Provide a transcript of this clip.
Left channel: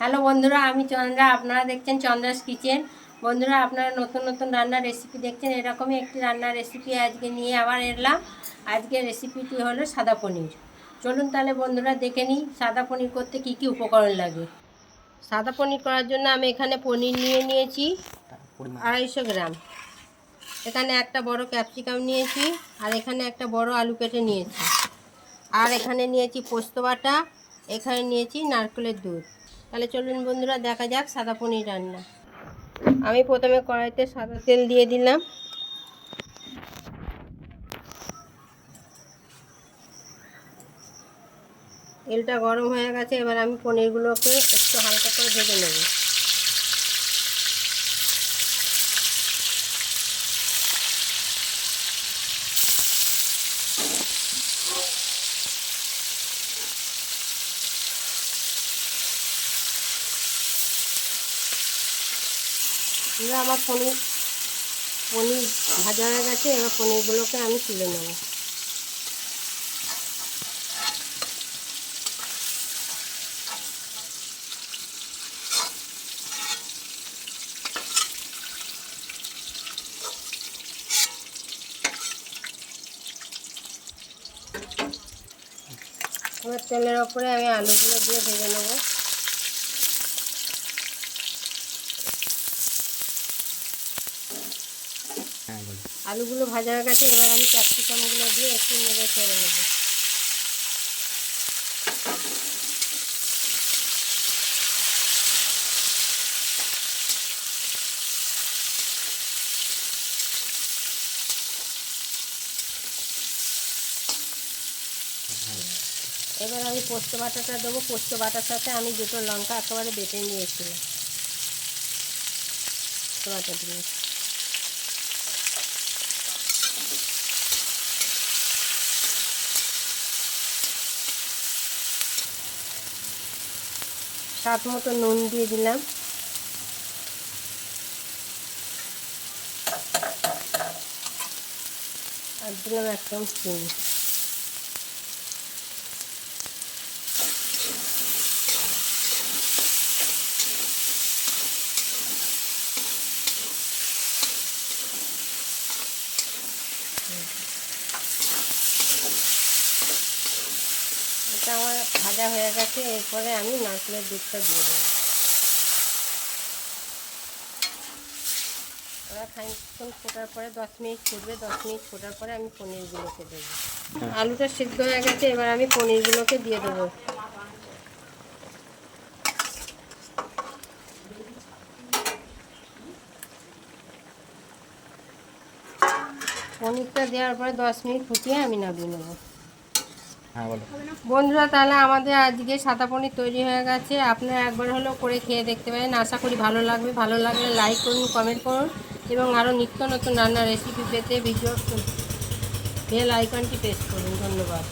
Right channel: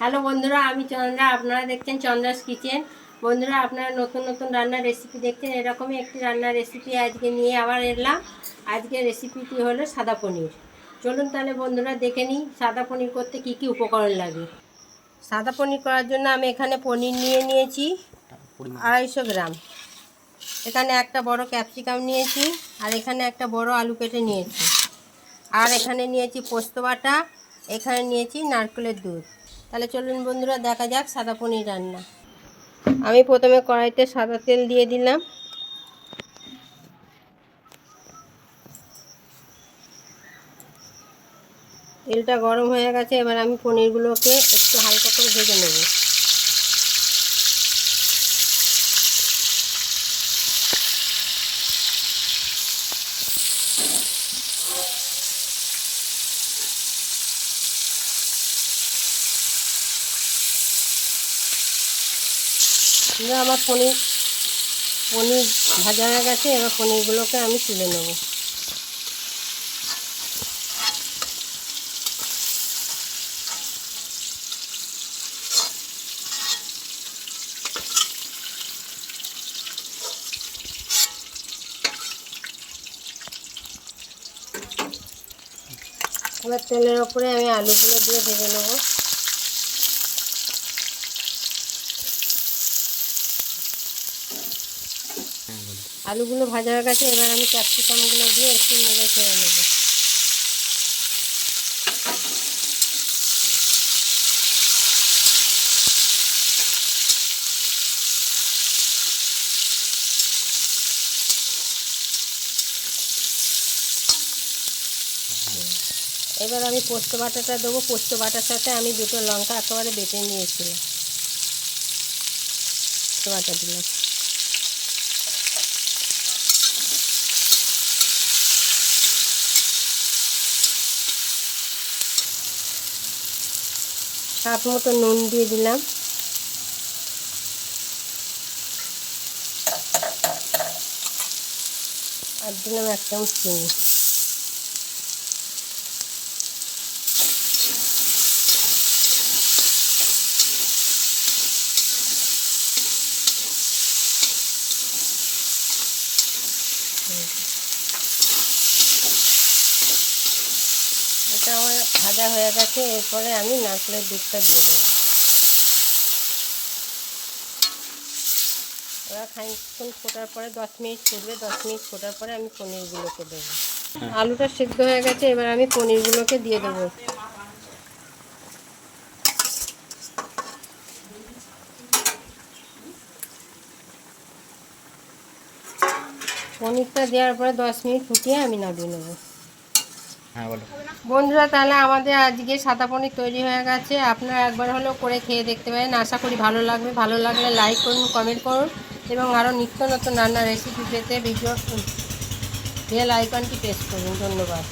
Hello বন্ধুরা, আমি চন্দ্রা। আপনারা দেখছেন চন্দ্রাস কিচেন। বন্ধুরা, আপনারা নতুন নতুন রান্নার রেসিপি দেখছেন। এরকমই একটি রান্নার রেসিপি আজকে নিয়ে আবার এলাম। আজকের রেসিপিটি হলো সাদা পনির। চলুন তাহলে বন্ধুরা দেখে নিই সাদা পনির করতে কি কি উপকরণ লাগে। সাদা পনির করার জন্য আমি এখানে পনির নিয়ে নিয়েছি 250 গ্রাম। এখানে একটা বড় ক্যাপসিকাম নিয়েছি, আর এখানে একটা বড় আলু কেটে নিয়েছি, আর এখানে নিয়েছি পোস্ত বাটা, এখানে নিয়েছি নারকেলের দুধ। তাহলে চলুন বন্ধুরা দেখা যাক সাদা পনির রান্না। আমি প্রথমে কড়াইতে সাদা তেল দিয়ে দিলাম। তেলটা গরম হয়ে গেছে, এবার আমি পনিরগুলোকে একটু হালকা করে ভেজে নেব। আমার পনির ভাজা হয়ে গেছে, এবার পনিরগুলোকে আমি তুলে নেব। এবার তেলের ওপরে আমি আলুগুলো দিয়ে ভেজে নেব। আলুগুলো ভাজা হয়ে গেছে, এবার আমি ক্যাপসিকামগুলো দিয়ে একটু নেড়ে ছেড়ে নেব। এবার আমি পোস্ত বাটাটা দেবো। পোস্ত বাটার সাথে আমি দুটো লঙ্কা একেবারে বেটে নিয়েছিলাম, পোস্ত বাটা দিলাম। স্বাদ মতো নুন দিয়ে দিলাম। আর দিলাম 1 চামচ চিনি। এটা আমার ভাজা হয়ে গেছে, এরপরে আমি নারকেলের দুধটা দিয়ে দেবো। ওরা খানিকক্ষণ ফোটার পরে 10 মিনিট ফুটবে। 10 মিনিট ফোটার পরে আমি পনিরগুলোকে দেবো। আলুটা সিদ্ধ হয়ে গেছে, এবার আমি পনিরগুলোকে দিয়ে দেবো। পনিরটা দেওয়ার পরে 10 মিনিট ফুটিয়ে আমি নামিয়ে নেবো। বন্ধুরা, তাহলে আমাদের আজকে সাদা পনির তৈরি হয়ে গেছে। আপনারা একবার হলেও করে খেয়ে দেখতে পারেন, আশা করি ভালো লাগবে। ভালো লাগলে লাইক করুন, কমেন্ট করুন, এবং আরও নিত্য নতুন রান্নার রেসিপি পেতে ভিডিও বেল আইকনটি প্রেস করুন। ধন্যবাদ।